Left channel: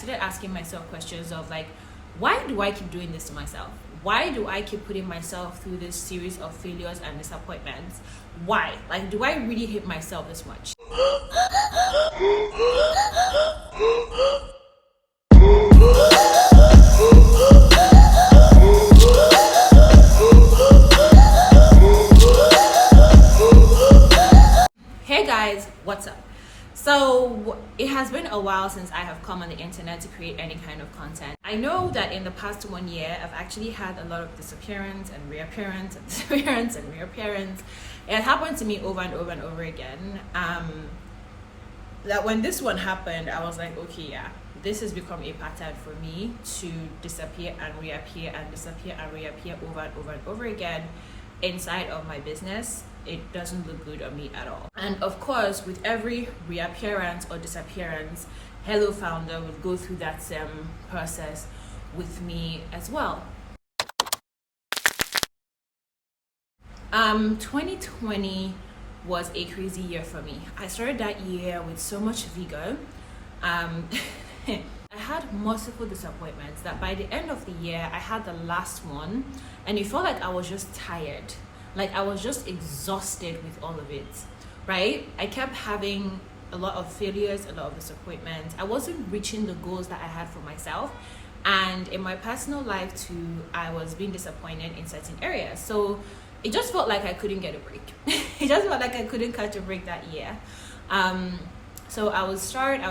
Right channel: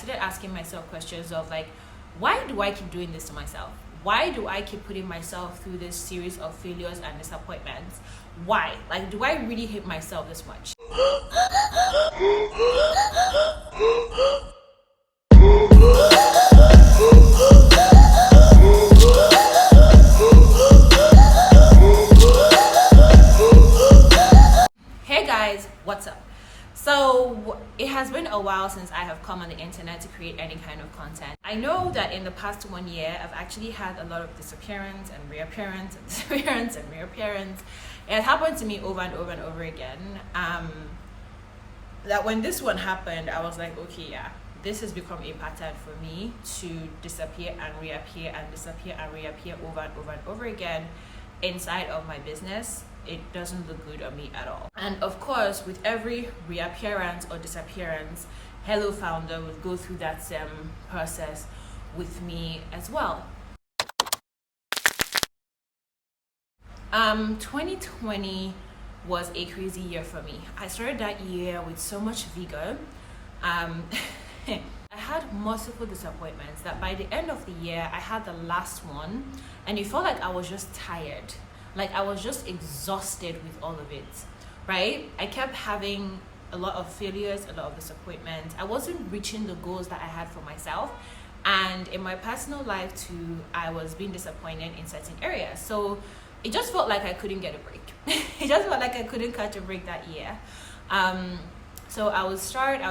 started asking myself questions of like, why do I keep doing this to myself? Why do I keep putting myself through this series of failures and disappointments? Why? Like, do I really hate myself this much? Hey guys, what's up? So it has been a while since I have come on the internet to create any kind of content. I know that in the past 1 year, I've actually had a lot of disappearance and reappearance and disappearance and reappearance. It happened to me over and over and over again. That when this one happened, I was like, okay, yeah, this has become a pattern for me to disappear and reappear and disappear and reappear over and over and over again inside of my business. It doesn't look good on me at all. And of course, with every reappearance or disappearance, HelloFounder would go through that same process with me as well. 2020 was a crazy year for me. I started that year with so much vigor. I had multiple disappointments that by the end of the year, I had the last one and it felt like I was just tired. Like I was just exhausted with all of it, right? I kept having a lot of failures, a lot of disappointments. I wasn't reaching the goals that I had for myself. And in my personal life too, I was being disappointed in certain areas. So it just felt like I couldn't get a break. It just felt like I couldn't catch a break that year. So I would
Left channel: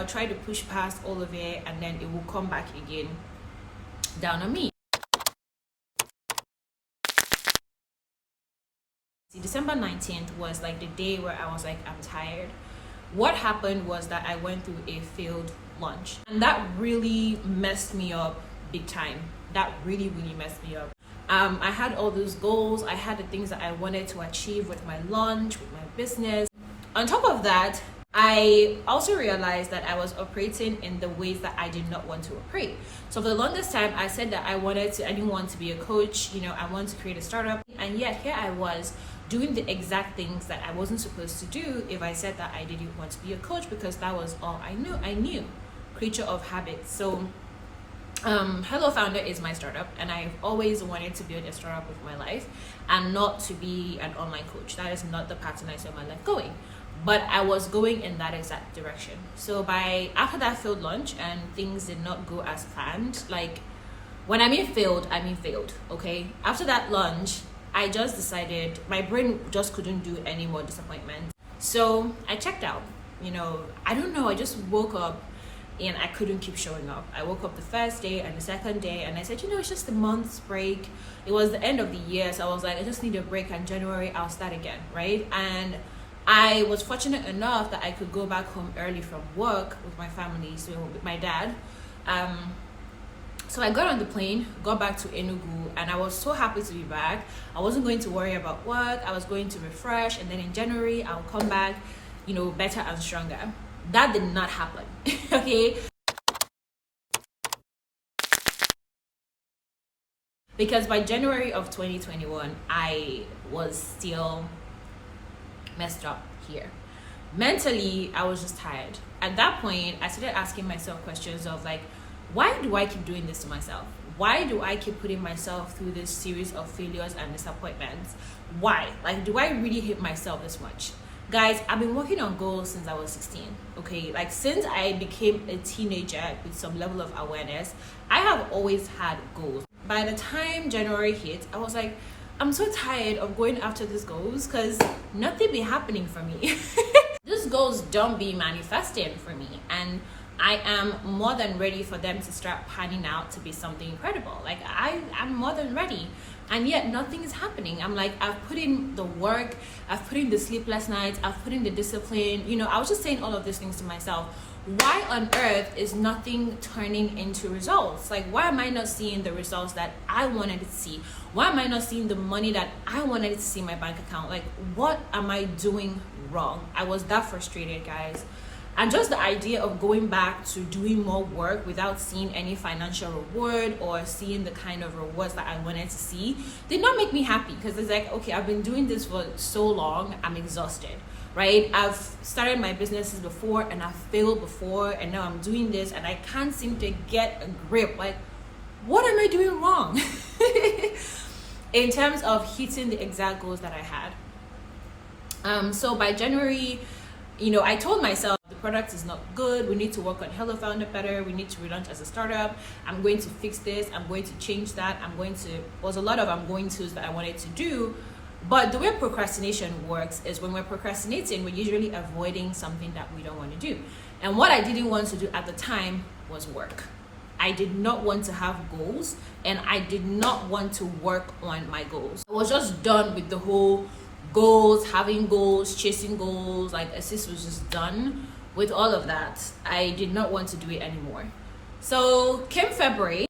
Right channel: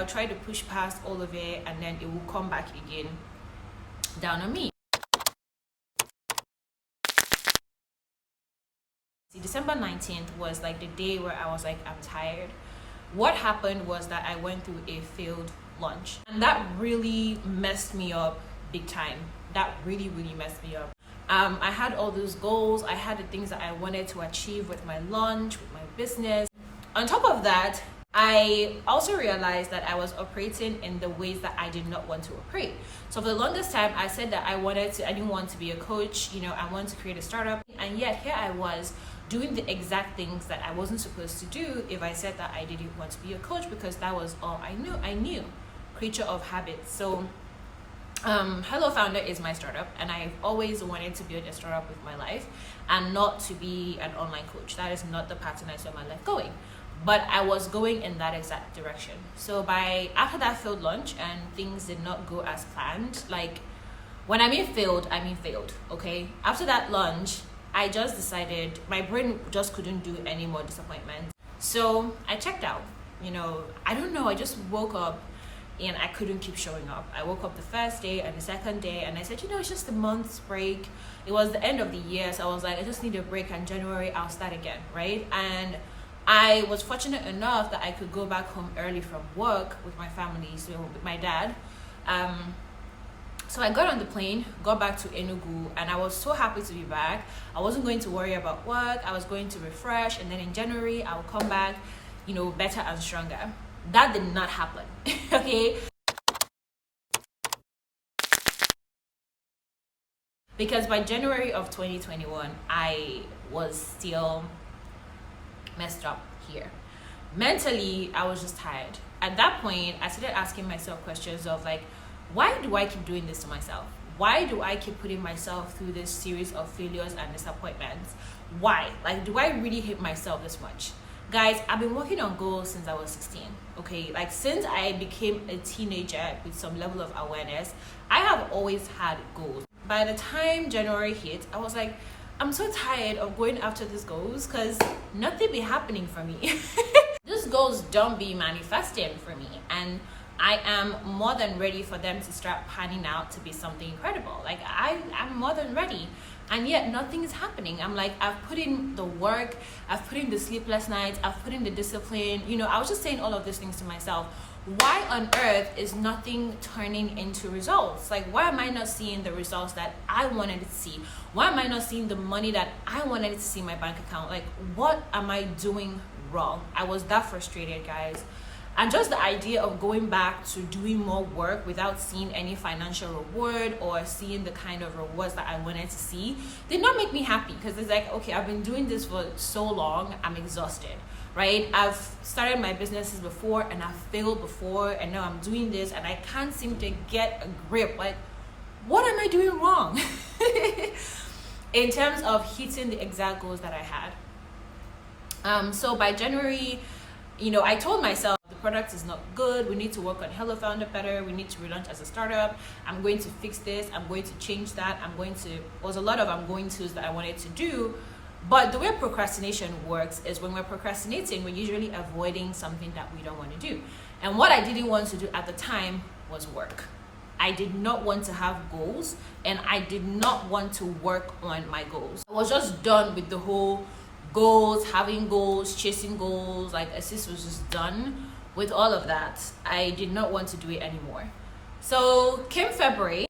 try to push past all of it and then it will come back again down on me. December 19th was like the day where I was like, I'm tired. What happened was that I went through a failed launch and that really messed me up big time. That really messed me up. I had all those goals. I had the things that I wanted to achieve with my launch, with my business. On top of that, I also realized that I was operating in the ways that I did not want to operate. So for the longest time, I said that I didn't want to be a coach, I wanted to create a startup. And yet here I was doing the exact things that I wasn't supposed to do if I said that I didn't want to be a coach, because that was all I knew, creature of habits. So HelloFounder is my startup and I've always wanted to build a startup with my life and not to be an online coach. That is not the pattern I saw my life going. But I was going in that exact direction. So after that failed launch and things did not go as planned, like when I mean failed, okay? After that launch, I just decided my brain just couldn't do any more disappointment. So I checked out, I don't know, I just woke up and I couldn't keep showing up. I woke up the first day and the second day and I said, it's just a month's break. It was the end of the year. So I was like, I just need a break, and January I'll start again, right? And I was fortunate enough that I could go back home early from work with my family, so with my dad. So I got on the plane, got back to Enugu, and I was so happy to be back. I wasn't going to worry about work. I was going to refresh, and then in January, I'll come back, better and stronger. That did not happen, okay? Because by January of 2021, I was still messed up here. Mentally, I was just tired. At that point, I started asking myself questions of like, why do I keep doing this to myself? Why do I keep putting myself through this series of failures and disappointments? Why? Like, do I really hate myself this much? Guys, I've been working on goals since I was 16, okay? Like, since I became a teenager with some level of awareness, I have always had goals. By the time January hit, I was like, I'm so tired of going after these goals because nothing be happening for me. These goals don't be manifesting for me, and I am more than ready for them to start panning out to be something incredible. Like I'm more than ready, and yet nothing is happening. I'm like, I've put in the work, I've put in the sleepless nights, I've put in the discipline. I was just saying all of these things to myself. Why on earth is nothing turning into results? Like, why am I not seeing the results that I wanted to see? Why am I not seeing the money that I wanted to see in my bank account? Like, what am I doing wrong? I was that frustrated, guys. And just the idea of going back to doing more work without seeing any financial reward or seeing the kind of rewards that I wanted to see did not make me happy, because it's like, okay, I've been doing this for so long, I'm exhausted. right? I've started my businesses before and I've failed before, and now I'm doing this and I can't seem to get a grip. Like, what am I doing wrong? In terms of hitting the exact goals that I had. So by January, I told myself the product is not good. We need to work on HelloFounder better. We need to relaunch as a startup. I'm going to fix this. I'm going to change that. Was a lot of I'm going to's that I wanted to do. But the way procrastination works is when we're procrastinating, we're usually avoiding something that we don't want to do. And what I didn't want to do at the time was work. I did not want to have goals, and I did not want to work on my goals. I was just done with the whole goals, having goals, chasing goals. Like, Assist was just done with all of that. I did not want to do it anymore. So came February.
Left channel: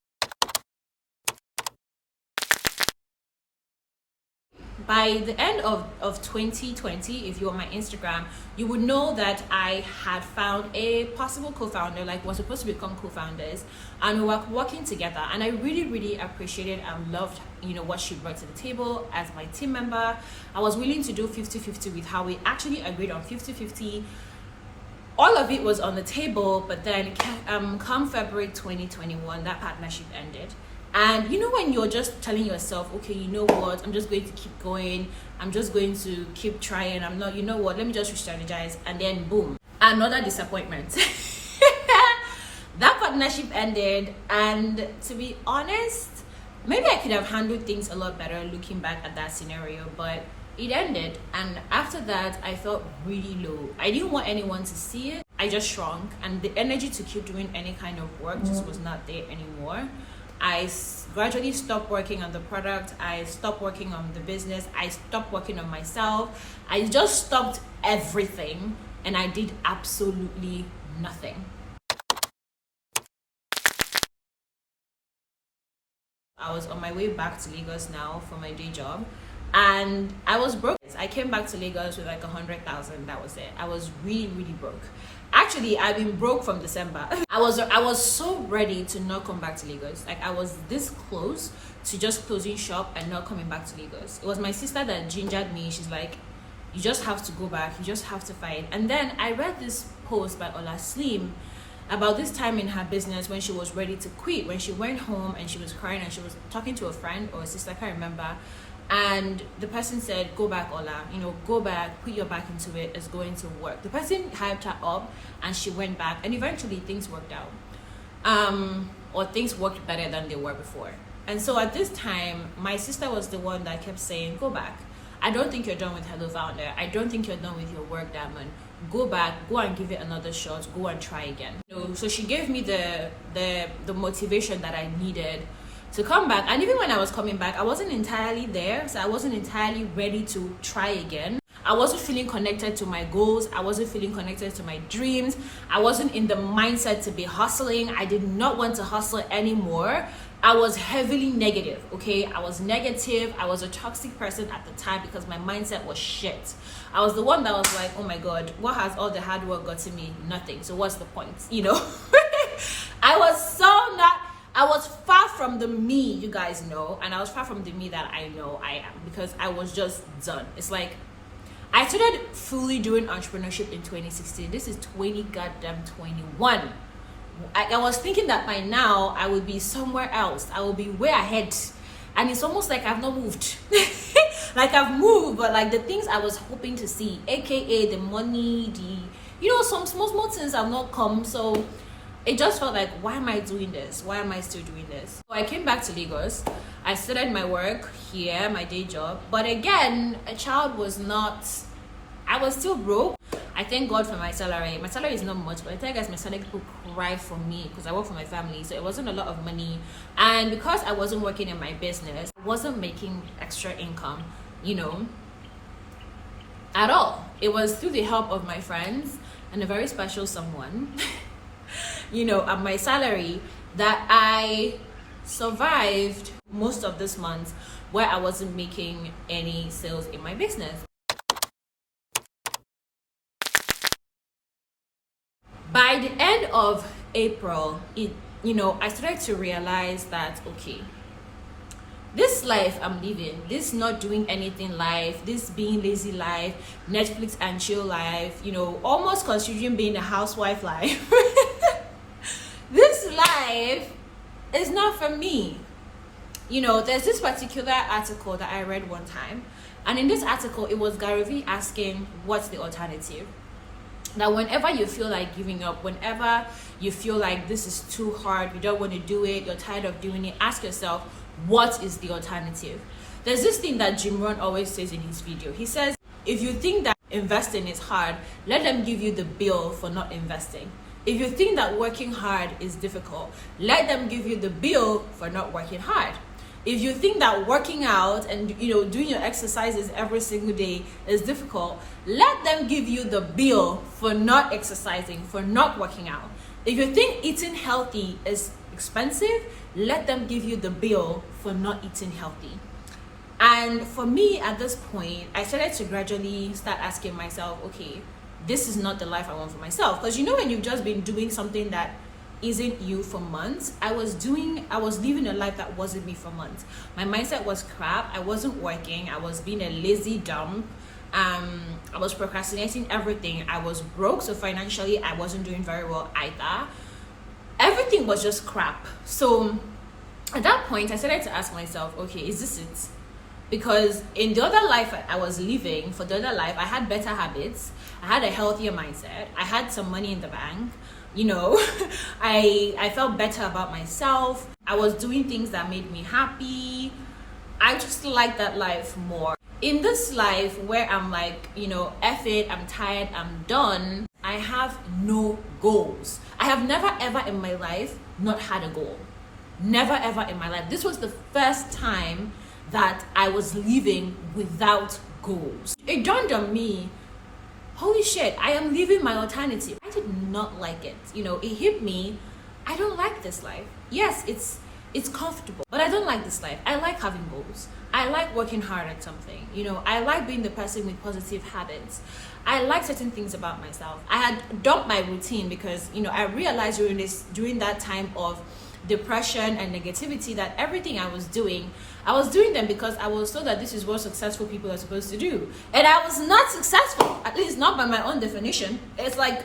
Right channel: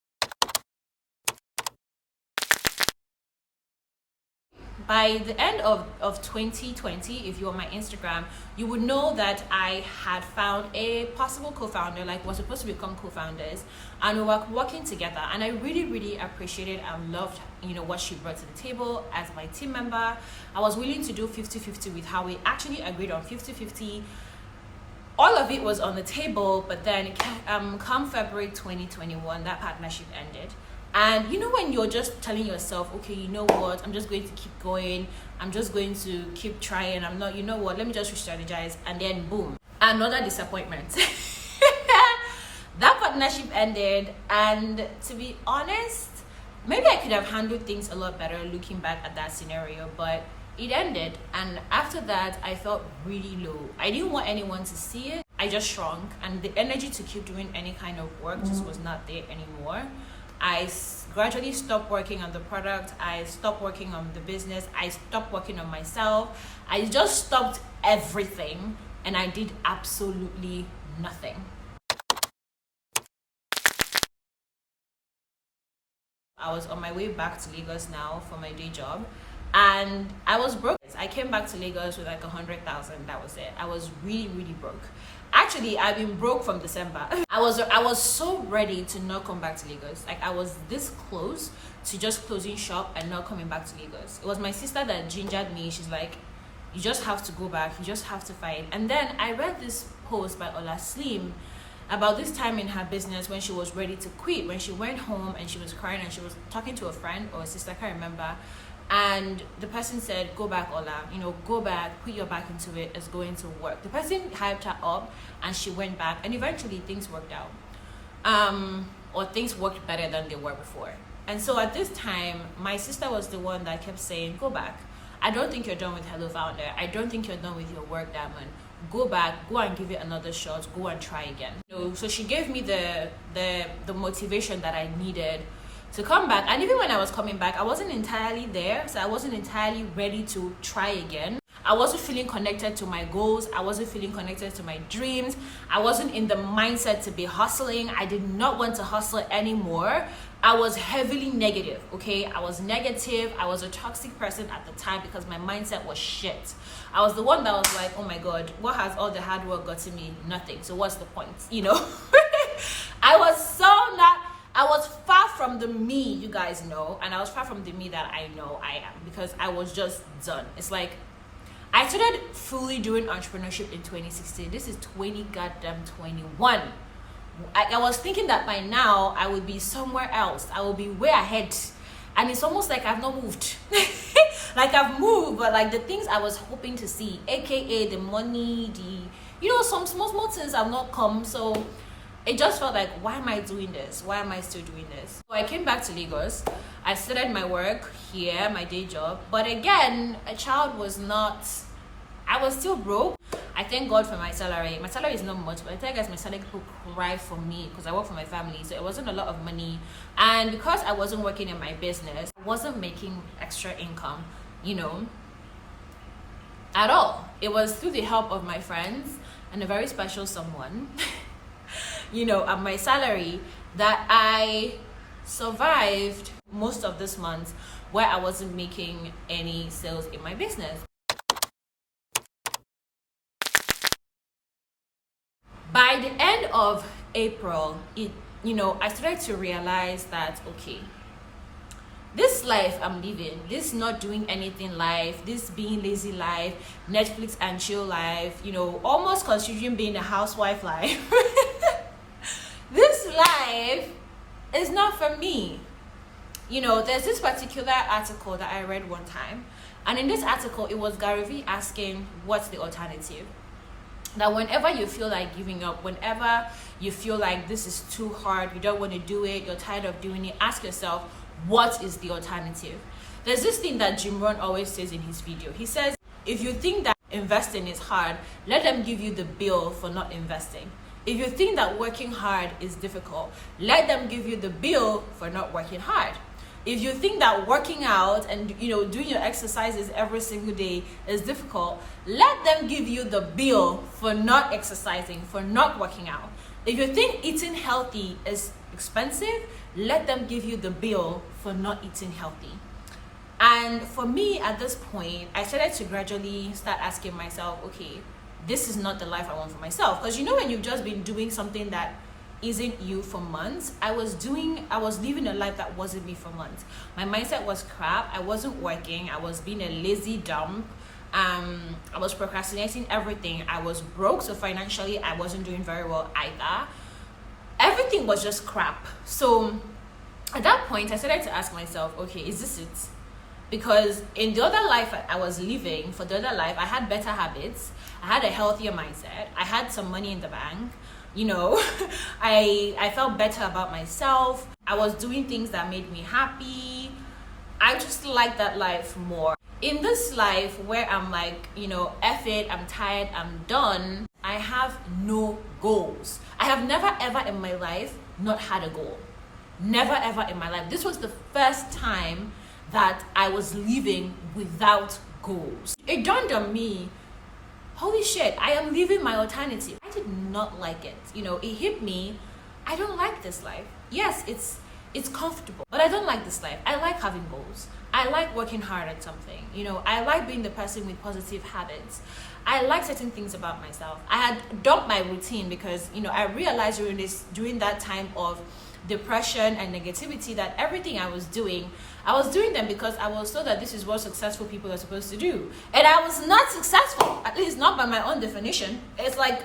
By the end of 2020, if you're on my Instagram, you would know that I had found a possible co-founder, like we're supposed to become co-founders, and we were working together. And I really, really appreciated and loved, what she brought to the table as my team member. I was willing to do 50-50 with her. We actually agreed on 50-50. All of it was on the table, but then come February 2021, that partnership ended. And when you're just telling yourself, okay, you know what, I'm just going to keep going, I'm just going to keep trying, I'm not, let me just re-strategize, and then boom, another disappointment. That partnership ended, and to be honest, maybe I could have handled things a lot better looking back at that scenario, but it ended. And after that, I felt really low. I didn't want anyone to see it. I just shrunk, and the energy to keep doing any kind of work just was not there anymore. I gradually stopped working on the product. I stopped working on the business. I stopped working on myself. I just stopped everything, and I did absolutely nothing. I was on my way back to Lagos now for my day job, and I was broke. I came back to Lagos with like 100,000. That was it. I was really, really broke. Actually, I've been broke from December. I was so ready to not come back to Lagos. Like, I was this close to just closing shop and not coming back to Lagos. It was my sister that gingered me. She's like, you just have to go back. You just have to fight. And then I read this post by Ola Slim about this time in her business when she was ready to quit, when she went home and she was crying and she was talking to a friend or a sister, I can't remember. And the person said, go back, Ola, go back, put your back into it, it's going to work. The person hyped her up and she went back, and eventually things worked out. Or things worked better than they were before. And so at this time, my sister was the one that kept saying, go back. I don't think you're done with HelloFounder. I don't think you're done with your work, Diamond. Go back, go and give it another shot, go and try again. So she gave me the motivation that I needed to come back. And even when I was coming back, I wasn't entirely there, so I wasn't entirely ready to try again. I wasn't feeling connected to my goals. I wasn't feeling connected to my dreams. I wasn't in the mindset to be hustling. I did not want to hustle anymore. I was heavily negative, okay? I was negative. I was a toxic person at the time because my mindset was shit. I was the one that was like, oh my God, what has all the hard work got to me? Nothing. So what's the point? I was far from the me you guys know, and I was far from the me that I know I am, because I was just done. It's like, I started fully doing entrepreneurship in 2016. This is 2021. I was thinking that by now I would be somewhere else. I will be way ahead. And it's almost like I've not moved. Like, I've moved, but like the things I was hoping to see, aka the money, some small things have not come. So it just felt like, why am I doing this? Why am I still doing this? So I came back to Lagos. I started my work here, my day job. But again, I was still broke. I thank God for my salary. My salary is not much, but I tell you guys, my salary people cry for me because I work for my family. So it wasn't a lot of money. And because I wasn't working in my business, I wasn't making extra income, at all. It was through the help of my friends and a very special someone, and my salary, that I survived most of this month where I wasn't making any sales in my business. By the end of April, I started to realize that, okay, this this life I'm living, this not doing anything life, this being lazy life, Netflix and chill life, you know, almost considering being a housewife life, this life is not for me. You know, there's this particular article that I read one time, and in this article, it was Gary Vee asking, what's the alternative? That whenever you feel like giving up, whenever you feel like this is too hard, you don't want to do it, you're tired of doing it, ask yourself, what is the alternative? There's this thing that Jim Rohn always says in his video. He says, if you think that investing is hard, let them give you the bill for not investing. If you think that working hard is difficult, let them give you the bill for not working hard. If you think that working out and, you know, doing your exercises every single day is difficult, let them give you the bill for not exercising, for not working out. If you think eating healthy is expensive, let them give you the bill for not eating healthy. And for me at this point, I started to gradually start asking myself, okay, this is not the life I want for myself. Because you know, when you've just been doing something that isn't you for months, I was living a life that wasn't me for months. My mindset was crap. I wasn't working. I was being a lazy dump. I was procrastinating everything. I was broke, so financially I wasn't doing very well either. Everything was just crap. So at that point, I started to ask myself, okay, is this it? Because in the other life I was living, for the other life, I had better habits. I had a healthier mindset. I had some money in the bank. You know, I felt better about myself. I was doing things that made me happy. I just like that life more. In this life where I'm like, you know, F it, I'm tired, I'm done, I have no goals. I have never ever in my life not had a goal. Never ever in my life. This was the first time that I was living without goals. It dawned on me, holy shit, I am living my alternative. I did not like it. You know, it hit me, I don't like this life. Yes, it's comfortable, but I don't like this life. I like having goals. I like working hard at something. You know, I like being the person with positive habits. I like certain things about myself. I had dumped my routine because, you know, I realized during that time of depression and negativity that everything I was doing them because I was told that this is what successful people are supposed to do. And I was not successful, at least not by my own definition. It's like,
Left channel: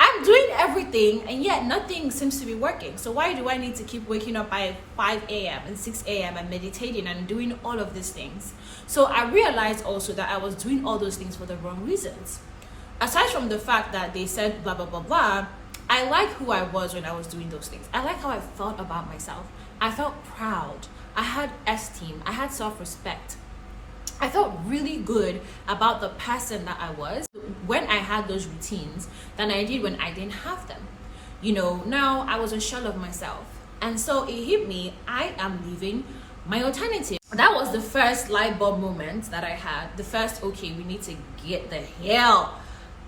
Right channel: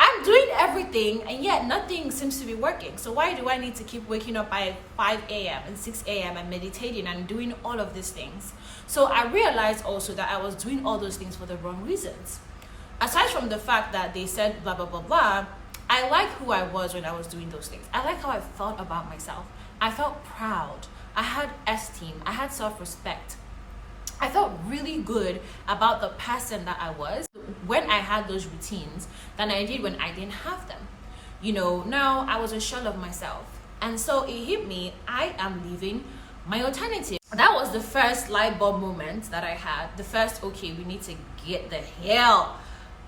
I'm doing everything and yet nothing seems to be working. So why do I need to keep waking up by 5 a.m. and 6 a.m. and meditating and doing all of these things? So I realized also that I was doing all those things for the wrong reasons. Aside from the fact that they said blah, blah, blah, blah, I like who I was when I was doing those things. I like how I felt about myself. I felt proud. I had esteem. I had self-respect. I felt really good about the person that I was when I had those routines than I did when I didn't have them. You know, now I was a shell of myself. And so it hit me, I am living my alternative. That was the first light bulb moment that I had. The first, okay, we need to get the hell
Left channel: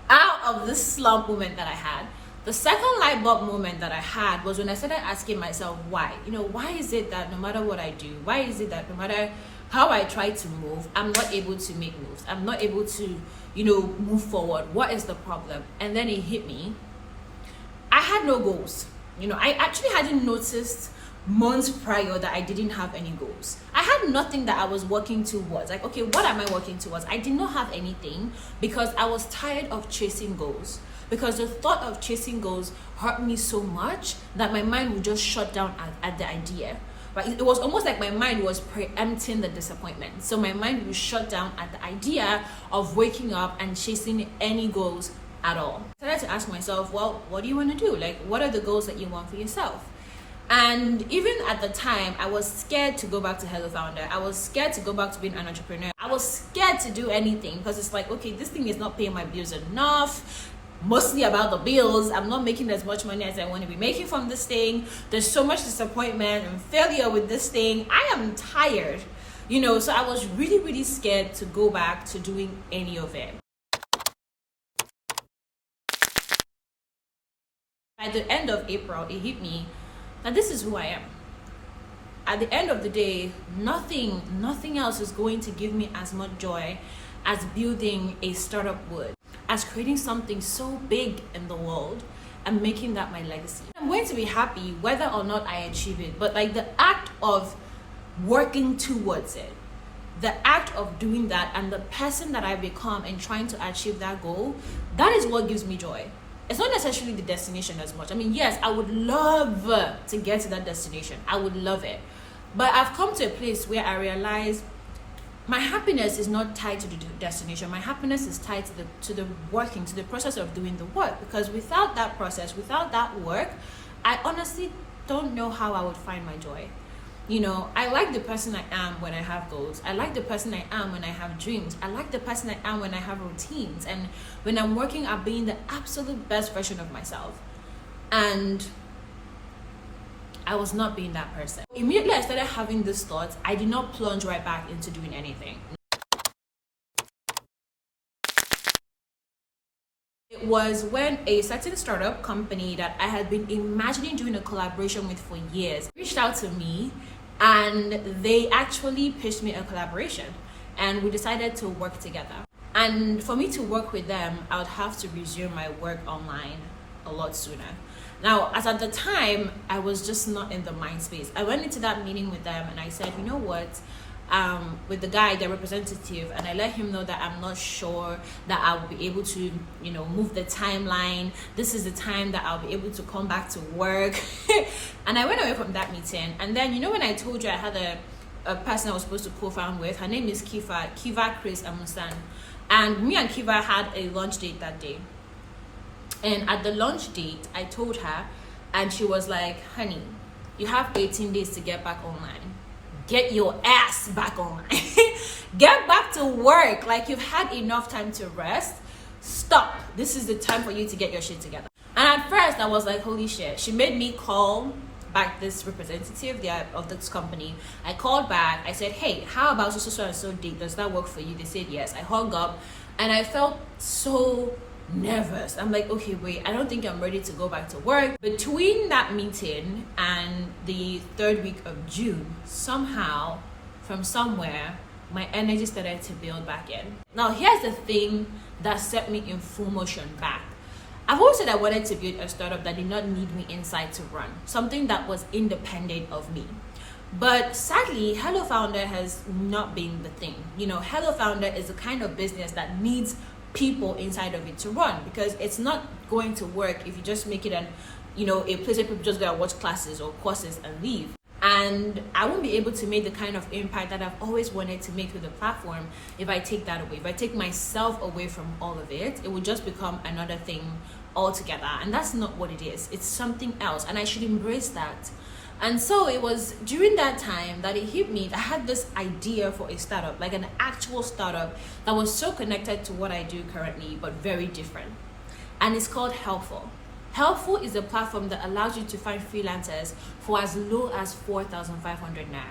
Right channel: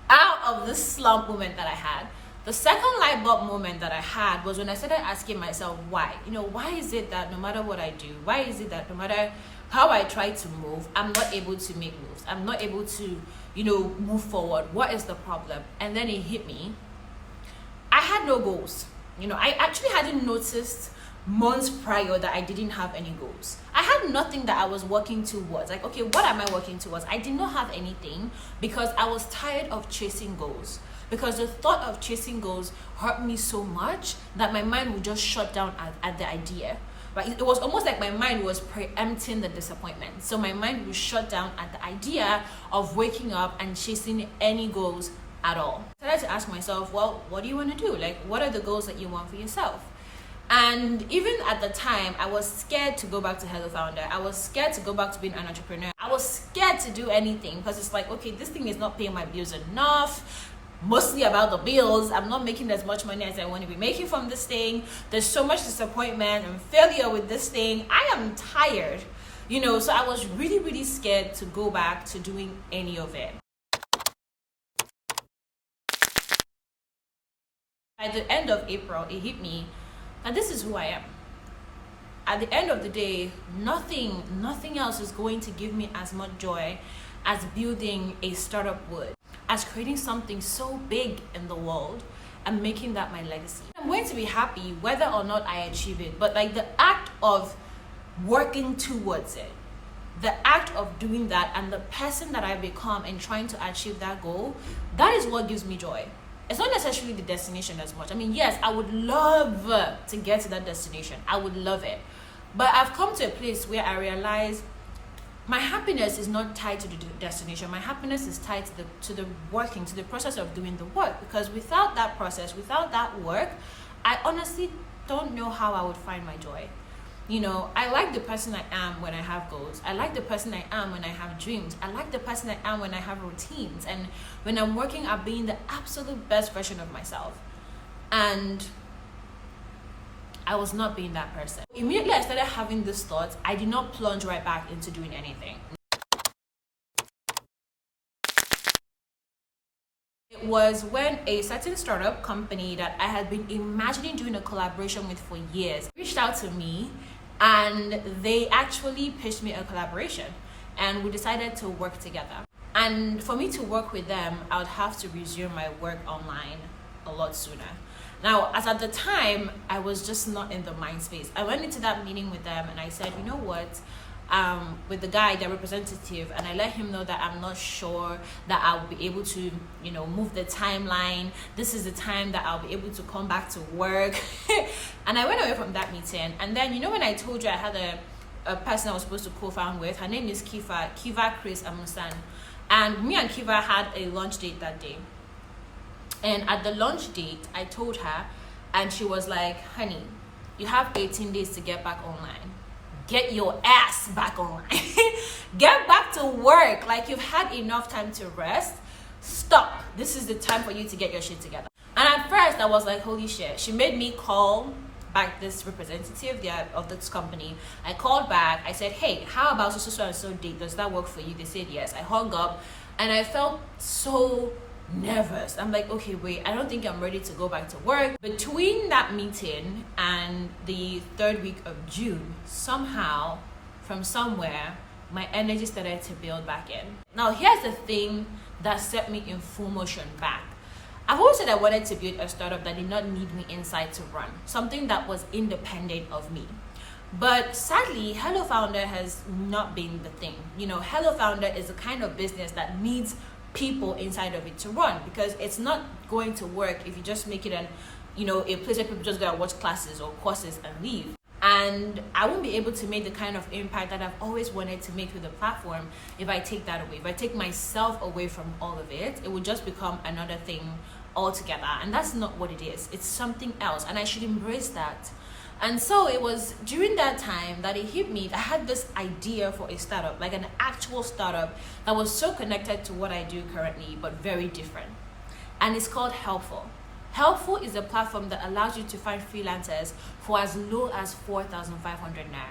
out of this slump moment that I had. The second light bulb moment that I had was when I started asking myself why. You know, why is it that no matter what I do, why is it that no matter how I try to move, I'm not able to make moves? I'm not able to, you know, move forward. What is the problem? And then it hit me. I had no goals. You know, I actually hadn't noticed months prior that I didn't have any goals. I had nothing that I was working towards. Like, okay, what am I working towards? I did not have anything because I was tired of chasing goals. Because the thought of chasing goals hurt me so much that my mind would just shut down at the idea. Right? It was almost like my mind was preempting the disappointment. So my mind would shut down at the idea of waking up and chasing any goals at all. I started to ask myself, well, what do you want to do? Like, what are the goals that you want for yourself? And even at the time, I was scared to go back to HelloFounder. I was scared to go back to being an entrepreneur. I was scared to do anything because it's like, okay, this thing is not paying my bills enough. Mostly about the bills. I'm not making as much money as I want to be making from this thing. There's so much disappointment and failure with this thing. I am tired, you know, so I was really, really scared to go back to doing any of it. At the end of April, it hit me that this is who I am. At the end of the day, nothing else is going to give me as much joy as building a startup would, as creating something so big in the world and making that my legacy. I'm going to be happy whether or not I achieve it, but like the act of working towards it, the act of doing that and the person that I become in trying to achieve that goal, that is what gives me joy. It's not necessarily the destination as much. I mean, yes, I would love to get to that destination. I would love it. But I've come to a place where I realize my happiness is not tied to the destination. My happiness is tied to the working, to the process of doing the work. Because without that process, without that work, I honestly don't know how I would find my joy. You know, I like the person I am when I have goals. I like the person I am when I have dreams. I like the person I am when I have routines. And when I'm working at being the absolute best version of myself. And I was not being that person. Immediately I started having these thoughts, I did not plunge right back into doing anything. It was when a certain startup company that I had been imagining doing a collaboration with for years reached out to me, and they actually pitched me a collaboration, and we decided to work together. And for me to work with them, I would have to resume my work online a lot sooner. Now, as at the time, I was just not in the mind space. I went into that meeting with them and I said, you know what, with the guy, their representative, and I let him know that I'm not sure that I'll be able to, you know, move the timeline. This is the time that I'll be able to come back to work. And I went away from that meeting. And then, you know, when I told you I had a person I was supposed to co-found with, her name is Kiva Chris Amusan. And me and Kiva had a lunch date that day. And at the lunch date, I told her, and she was like, honey, you have 18 days to get back online. Get your ass back online. Get back to work. Like, you've had enough time to rest. Stop. This is the time for you to get your shit together. And at first, I was like, holy shit. She made me call back this representative of this company. I called back. I said, hey, how about so and so date? Does that work for you? They said yes. I hung up, and I felt so nervous. I'm like, okay, wait, I don't think I'm ready to go back to work. Between that meeting and the third week of June, somehow, from somewhere, my energy started to build back in. Now, here's the thing that set me in full motion back. I've always said I wanted to build a startup that did not need me inside to run, something that was independent of me. But sadly, HelloFounder has not been the thing. You know, HelloFounder is the kind of business that needs people inside of it to run, because it's not going to work if you just make it a place where people just go and watch classes or courses and leave. And I won't be able to make the kind of impact that I've always wanted to make with the platform if I take that away. If I take myself away from all of it, it will just become another thing altogether. And that's not what it is. It's something else, and I should embrace that. And so it was during that time that it hit me that I had this idea for a startup, like an actual startup that was so connected to what I do currently, but very different. And it's called Helpful. Helpful is a platform that allows you to find freelancers for as low as 4,500 naira.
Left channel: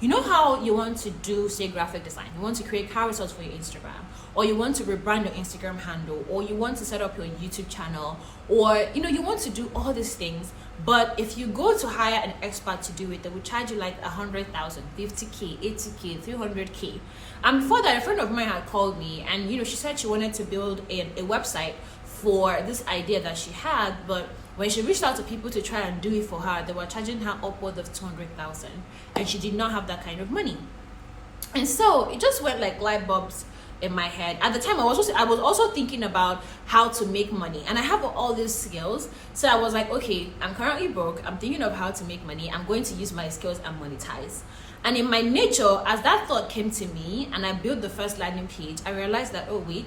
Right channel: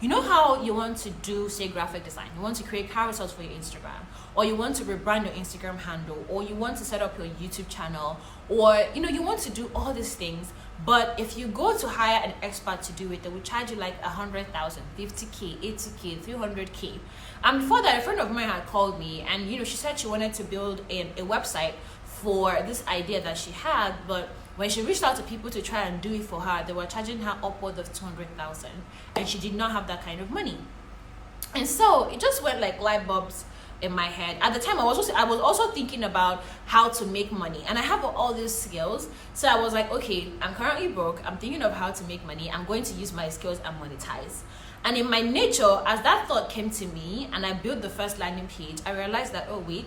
You know how you want to do, say, graphic design, you want to create carousels for your Instagram, or you want to rebrand your Instagram handle, or you want to set up your YouTube channel, or you want to do all these things. But if you go to hire an expert to do it, they will charge you like 100,000, 50K, 80K, 300K. And before that, a friend of mine had called me, and she said she wanted to build a website for this idea that she had, but when she reached out to people to try and do it for her, they were charging her upwards of 200,000, and she did not have that kind of money. And so it just went like light bulbs in my head. At the time, I was also thinking about how to make money, and I have all these skills. So I was like, okay, I'm currently broke. I'm thinking of how to make money. I'm going to use my skills and monetize. And in my nature, as that thought came to me and I built the first landing page, I realized that, oh wait,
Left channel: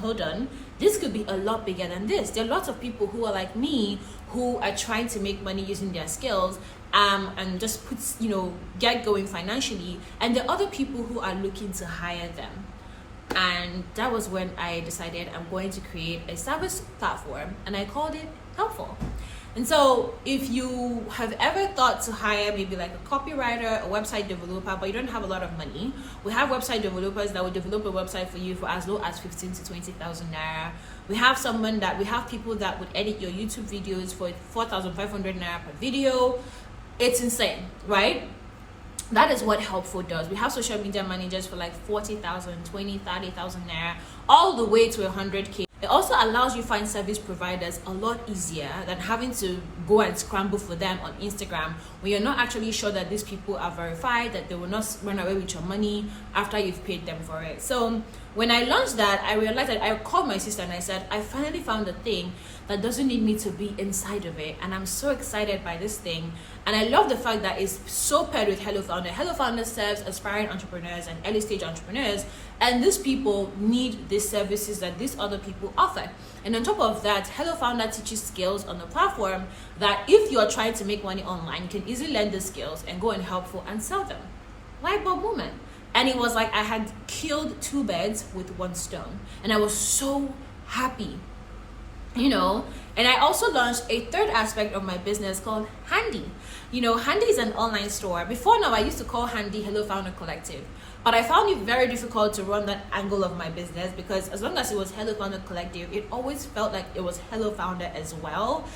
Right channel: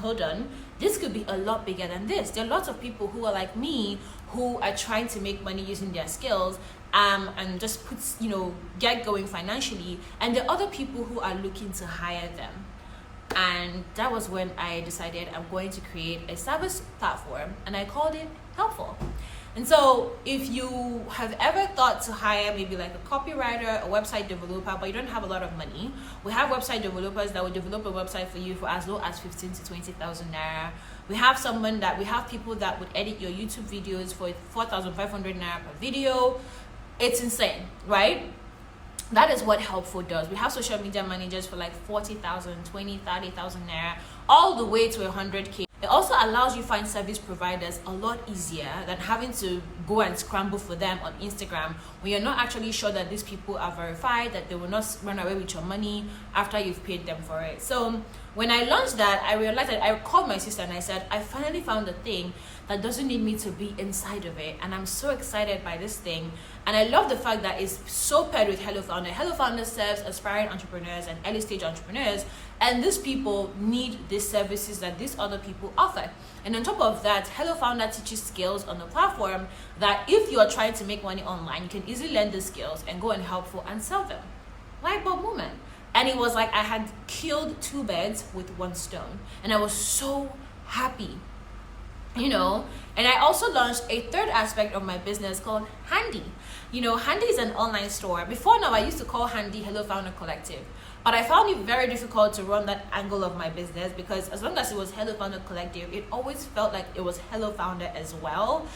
hold on, this could be a lot bigger than this. There are lots of people who are like me, who are trying to make money using their skills and just get going financially, and there are other people who are looking to hire them. And that was when I decided I'm going to create a service platform, and I called it Helpful. And so if you have ever thought to hire maybe like a copywriter, a website developer, but you don't have a lot of money, we have website developers that will develop a website for you for as low as 15 to 20,000 naira. We have people that would edit your YouTube videos for 4,500 naira per video. It's insane, right? That is what Helpful does. We have social media managers for like 40,000, 20, 30,000 naira, all the way to 100K. It also allows you find service providers a lot easier than having to go and scramble for them on Instagram when you're not actually sure that these people are verified, that they will not run away with your money after you've paid them for it. So when I launched that, I realized that I called my sister and I said, I finally found a thing that doesn't need me to be inside of it, and I'm so excited by this thing. And I love the fact that it's so paired with HelloFounder. HelloFounder serves aspiring entrepreneurs and early stage entrepreneurs, and these people need these services that these other people offer. And on top of that, HelloFounder teaches skills on the platform that if you are trying to make money online, you can easily learn the skills and go and helpful and sell them. Light bulb moment. And it was like I had killed 2 birds with 1 stone, and I was so happy, you know. And I also launched a third aspect of my business called Handy. You know, Handy is an online store. Before now, I used to call Handy HelloFounder Collective, but I found it very difficult to run that angle of my business because as long as it was HelloFounder Collective, it always felt like it was HelloFounder as well.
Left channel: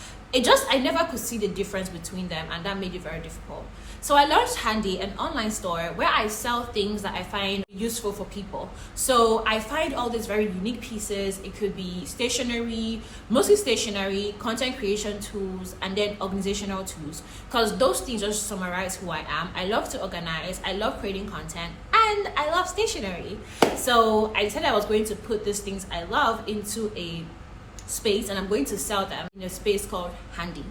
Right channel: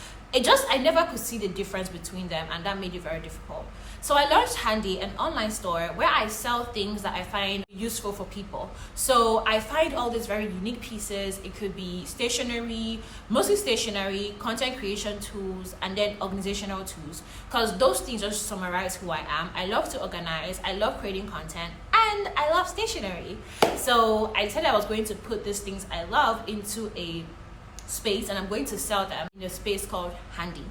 I never could see the difference between them, and that made it very difficult. So I launched Handy, an online store where I sell things that I find useful for people. So I find all these very unique pieces. It could be stationery, mostly stationery, content creation tools, and then organizational tools, because those things just summarize who I am. I love to organize, I love creating content, and I love stationery. So I decided I was going to put these things I love into a space, and I'm going to sell them in a space called Handy,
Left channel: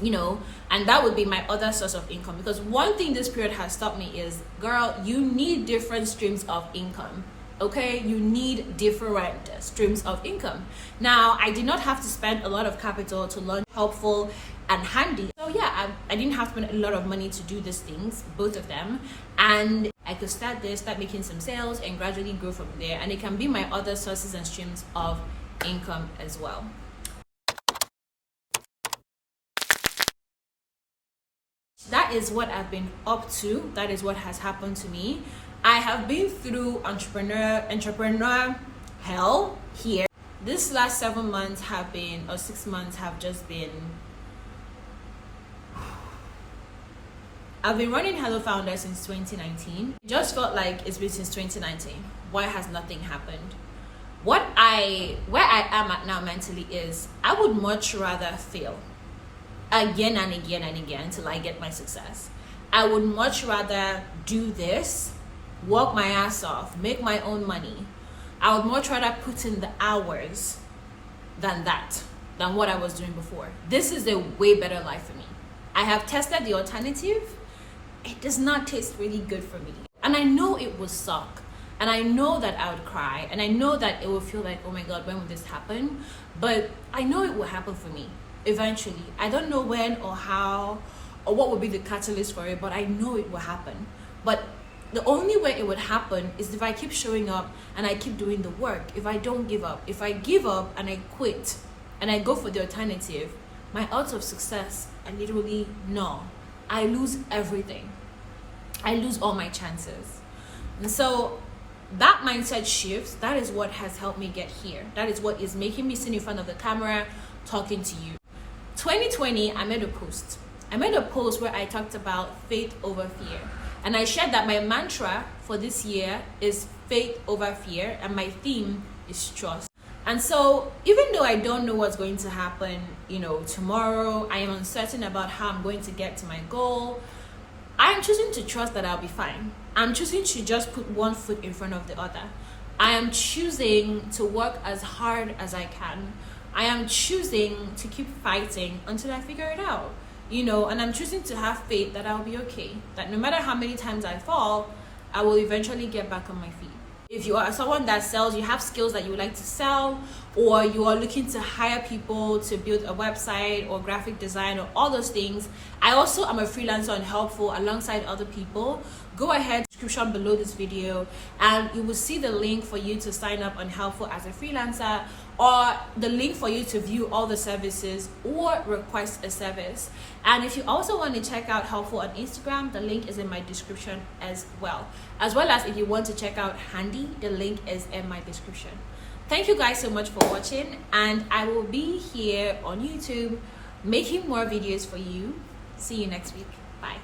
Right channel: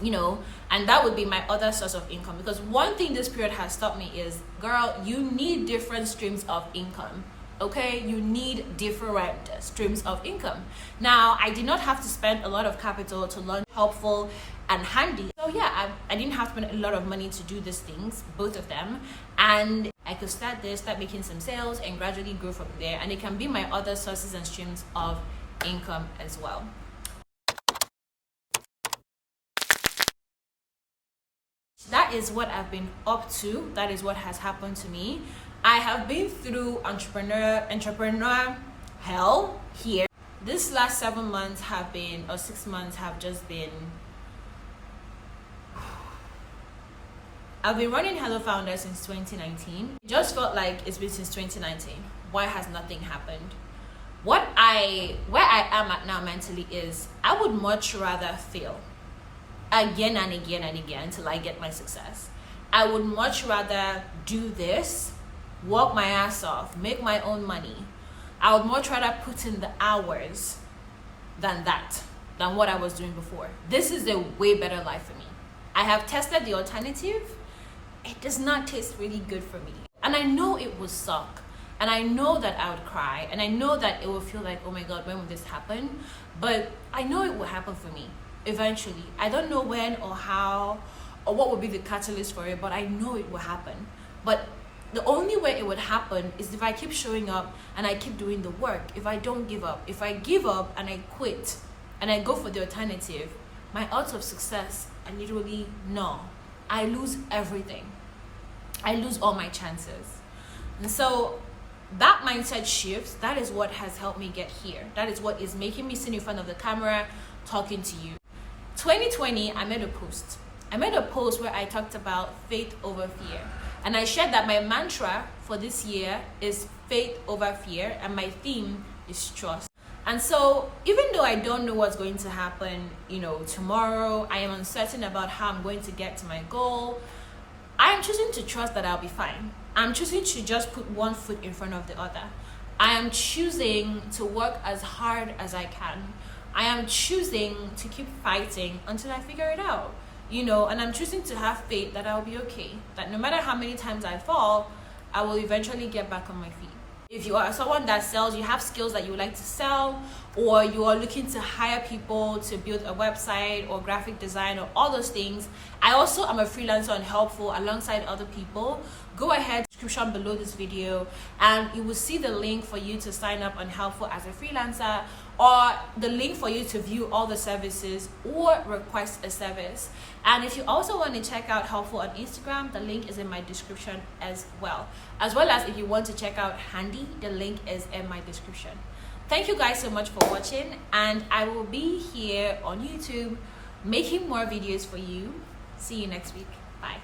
you know. And that would be my other source of income, because one thing this period has taught me is, girl, you need different streams of income. Okay, you need different streams of income. Now, I did not have to spend a lot of capital to launch Helpful and Handy. So yeah, I didn't have to spend a lot of money to do these things, both of them, and I could start making some sales and gradually grow from there, and it can be my other sources and streams of income as well. That is what I've been up to. That is what has happened to me. I have been through entrepreneur hell here. This last 7 months have been, or 6 months have just been, I've been running HelloFounder since 2019. It just felt like it's been since 2019. Why has nothing happened? Where I am at now mentally is, I would much rather fail again and again and again until I get my success. I would much rather do this, work my ass off, make my own money. I would much rather put in the hours than what I was doing before. This is a way better life for me. I have tested the alternative. It does not taste really good for me. And I know it will suck. And I know that I would cry, and I know that it will feel like, oh my God, when will this happen? But I know it will happen for me eventually. I don't know when or how or what will be the catalyst for it, but I know it will happen. But the only way it would happen is if I keep showing up and I keep doing the work. If I don't give up. If I give up and I quit and I go for the alternative, my odds of success are literally null. I lose everything. I lose all my chances. And so that mindset shift, that is what has helped me get here. That is what is making me sit in front of the camera talking to you. 2020, I made a post. Where I talked about faith over fear. And I shared that my mantra for this year is faith over fear, and my theme is trust. And so even though I don't know what's going to happen, tomorrow, I am uncertain about how I'm going to get to my goal, I am choosing to trust that I'll be fine. I'm choosing to just put one foot in front of the other. I am choosing to work as hard as I can. I am choosing to keep fighting until I figure it out, and I'm choosing to have faith that I'll be okay. That no matter how many times I fall, I will eventually get back on my feet. If you are someone that sells, you have skills that you would like to sell, or you are looking to hire people to build a website or graphic design or all those things. I also am a freelancer on Helpful alongside other people. Go ahead, description below this video, and you will see the link for you to sign up on Helpful as a freelancer, or the link for you to view all the services or request a service. And if you also want to check out Helpful on Instagram, the link is in my description as well. As if you want to check out Handy, the link is in my description. Thank you guys so much for watching, and I will be here on YouTube making more videos for you. See you next week. Bye.